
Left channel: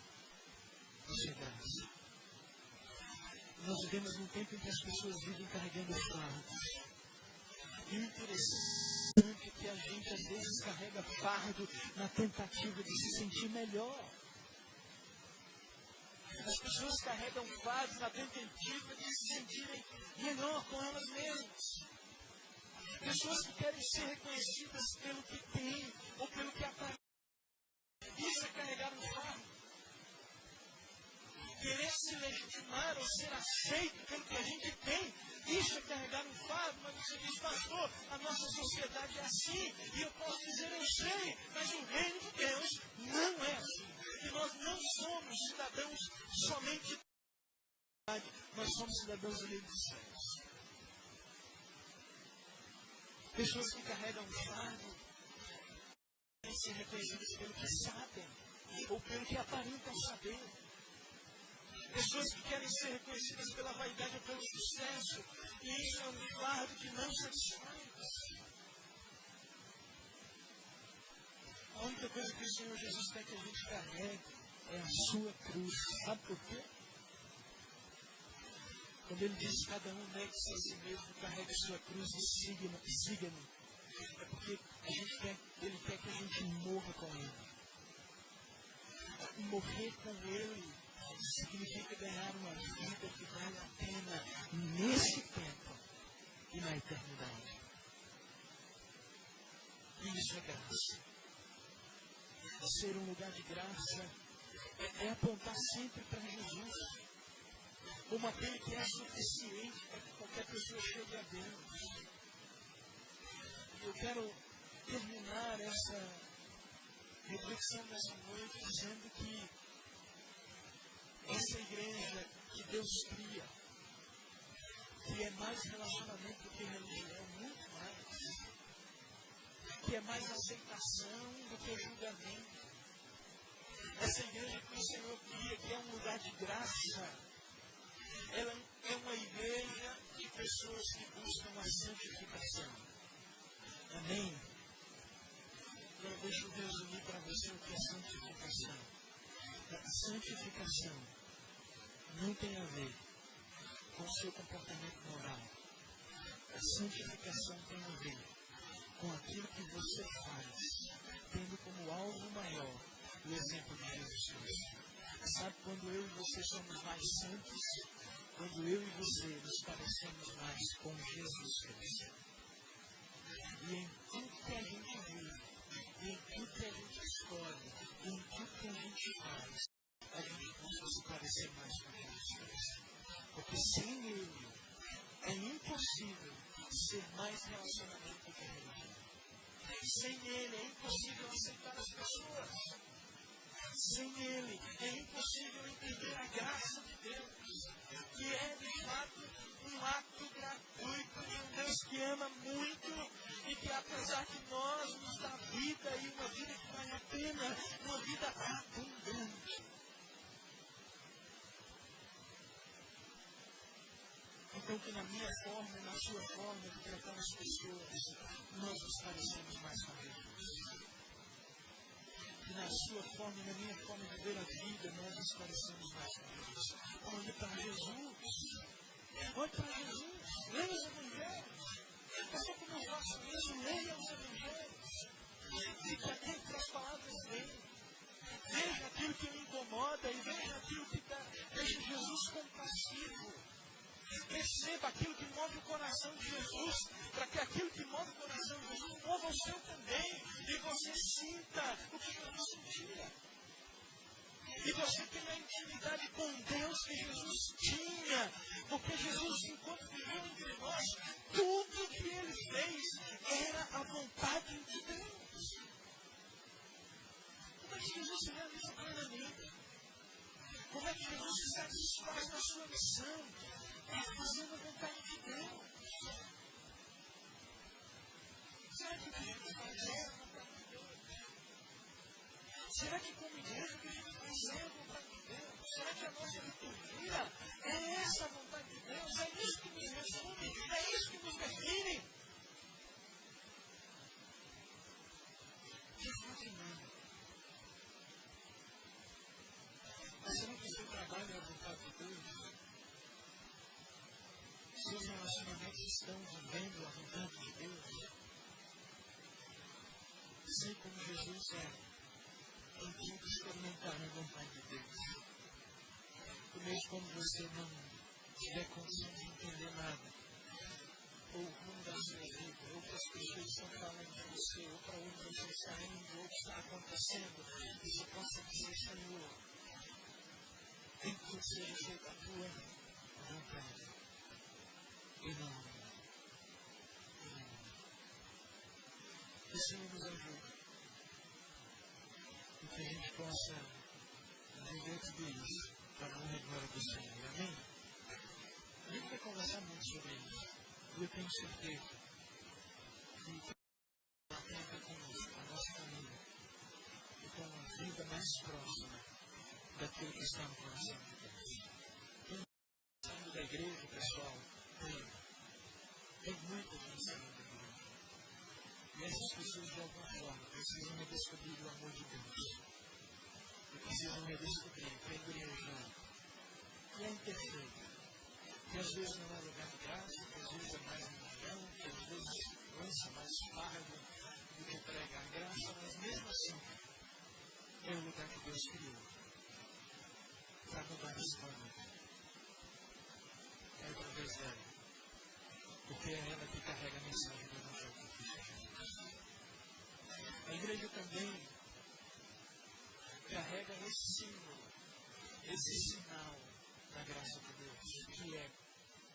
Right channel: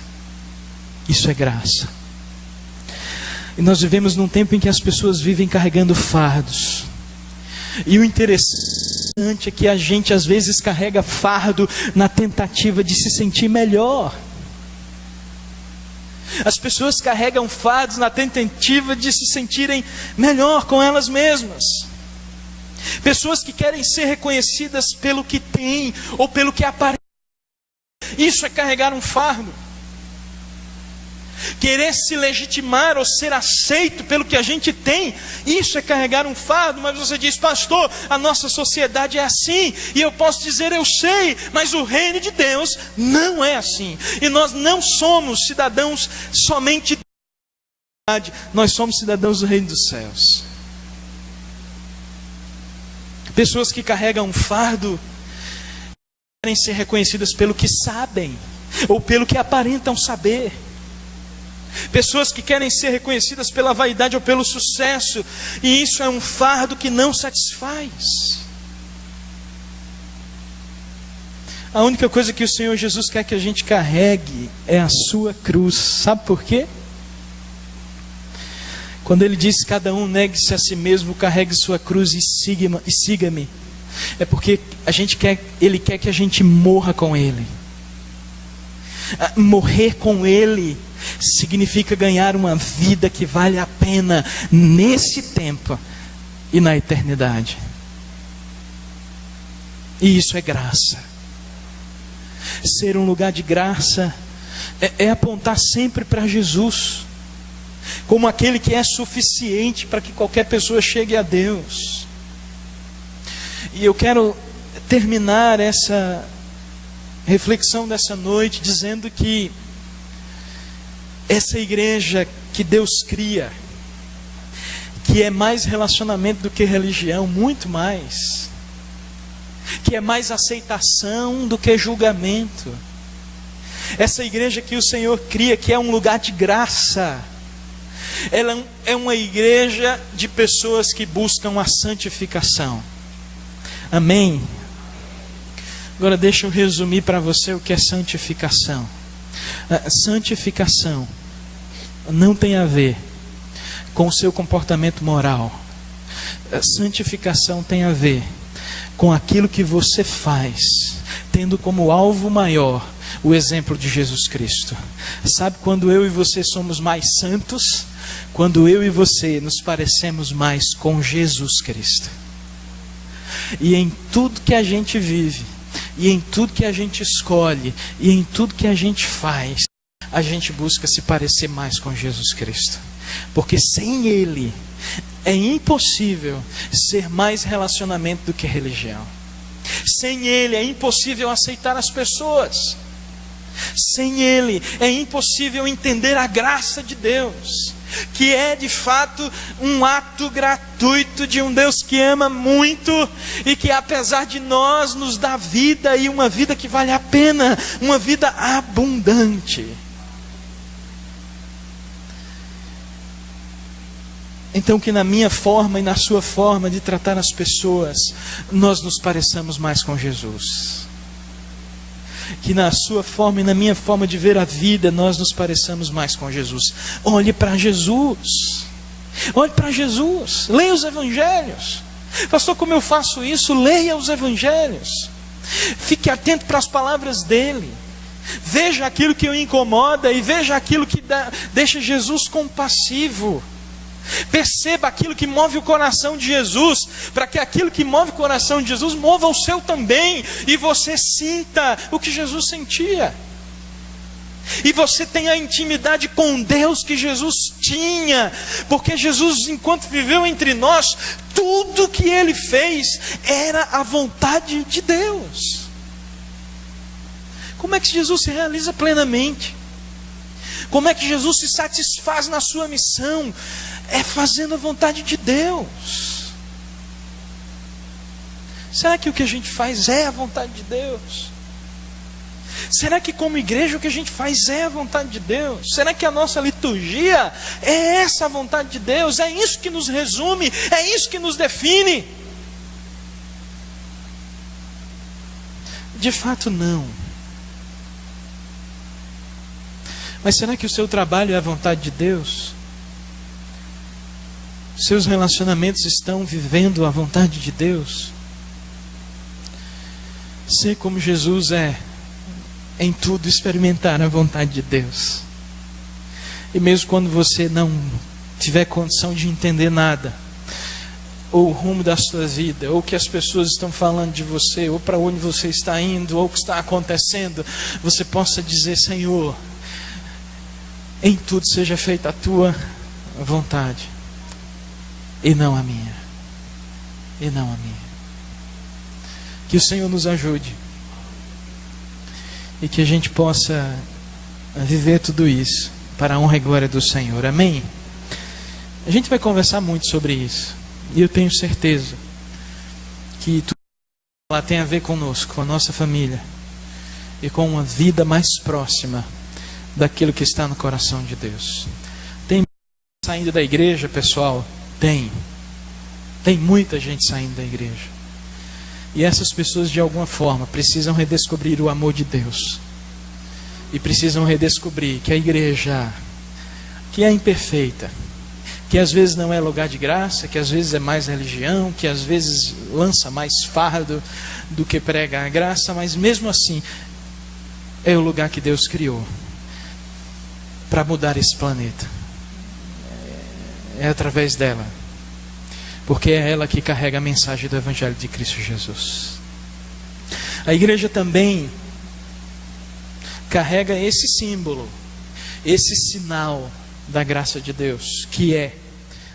Isso é graça. E nós vivemos num tempo em que as pessoas vivem carregando fardos. E o interessante é que a gente às vezes carrega fardo na tentativa de se sentir melhor. As pessoas carregam fardos na tentativa de se sentirem melhor com elas mesmas. Pessoas que querem ser reconhecidas pelo que têm ou pelo que aparentam. Isso é carregar um fardo. Querer se legitimar ou ser aceito pelo que a gente tem, isso é carregar um fardo. Mas você diz: pastor, a nossa sociedade é assim. E eu posso dizer: eu sei, mas o reino de Deus não é assim. E nós não somos cidadãos somente da sociedade, nós somos cidadãos do reino dos céus. Pessoas que carregam um fardo querem ser reconhecidas pelo que sabem ou pelo que aparentam saber. Pessoas que querem ser reconhecidas pela vaidade ou pelo sucesso, e isso é um fardo que não satisfaz. A única coisa que o Senhor Jesus quer que a gente carregue é a sua cruz. Sabe por quê? Quando Ele diz: cada um negue-se a si mesmo, carregue sua cruz e siga-me, é porque Ele quer que a gente morra com Ele. Morrer com Ele significa ganhar uma vida que vale a pena nesse tempo e na eternidade. E isso é graça. Ser um lugar de graça é apontar sempre para Jesus, como aquele que é suficiente para que qualquer pessoa chegue a Deus. E eu quero terminar essa reflexão dessa noite dizendo que essa igreja que Deus cria, que é mais relacionamento do que religião, muito mais, que é mais aceitação do que julgamento, essa igreja que o Senhor cria, que é um lugar de graça, ela é uma igreja de pessoas que buscam a santificação. Amém? Agora deixa eu resumir para você o que é santificação. Santificação não tem a ver com o seu comportamento moral. Santificação tem a ver com aquilo que você faz, tendo como alvo maior o exemplo de Jesus Cristo. Sabe quando eu e você somos mais santos? Quando eu e você nos parecemos mais com Jesus Cristo. E em tudo que a gente vive, e em tudo que a gente escolhe, e em tudo que a gente faz, a gente busca se parecer mais com Jesus Cristo. Porque sem Ele, É impossível ser mais relacionamento do que religião. Sem Ele é impossível aceitar as pessoas. Sem Ele é impossível entender a graça de Deus, que é de fato um ato gratuito de um Deus que ama muito e que, apesar de nós, nos dá vida, e uma vida que vale a pena, uma vida abundante. Então, que na minha forma e na sua forma de tratar as pessoas, nós nos pareçamos mais com Jesus. Que na sua forma e na minha forma de ver a vida, nós nos pareçamos mais com Jesus. Olhe para Jesus. Olhe para Jesus. Leia os evangelhos. Pastor, como eu faço isso? Leia os evangelhos. Fique atento para as palavras dele. Veja aquilo que o incomoda e veja aquilo que deixa Jesus compassivo. Perceba aquilo que move o coração de Jesus, para que aquilo que move o coração de Jesus mova o seu também, e você sinta o que Jesus sentia, e você tenha a intimidade com Deus que Jesus tinha, porque Jesus, enquanto viveu entre nós, tudo que Ele fez era a vontade de Deus. Como é que Jesus se realiza plenamente? Como é que Jesus se satisfaz na sua missão? É fazendo a vontade de Deus. Será que o que a gente faz é a vontade de Deus? Será que como igreja o que a gente faz é a vontade de Deus? Será que a nossa liturgia é essa a vontade de Deus? É isso que nos resume? É isso que nos define? De fato não. Mas será que o seu trabalho é a vontade de Deus? Seus relacionamentos estão vivendo a vontade de Deus? Ser como Jesus é, em tudo experimentar a vontade de Deus. E mesmo quando você não tiver condição de entender nada, ou o rumo da sua vida, ou o que as pessoas estão falando de você, ou para onde você está indo, ou o que está acontecendo, você possa dizer: Senhor, em tudo seja feita a tua vontade, e não a minha. E não a minha. Que o Senhor nos ajude, e que a gente possa viver tudo isso para a honra e glória do Senhor. Amém? A gente vai conversar muito sobre isso, e eu tenho certeza que tudo lá tem a ver conosco, com a nossa família, e com uma vida mais próxima daquilo que está no coração de Deus. Tem saindo da igreja, pessoal? Tem muita gente saindo da igreja. E essas pessoas, de alguma forma, precisam redescobrir o amor de Deus. E precisam redescobrir que a igreja, que é imperfeita, que às vezes não é lugar de graça, que às vezes é mais religião, que às vezes lança mais fardo do que prega a graça, mas mesmo assim, é o lugar que Deus criou para mudar esse planeta. É através dela, porque é ela que carrega a mensagem do Evangelho de Cristo Jesus. A igreja também carrega esse símbolo, esse sinal da graça de Deus, que é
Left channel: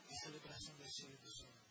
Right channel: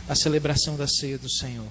a celebração da ceia do Senhor.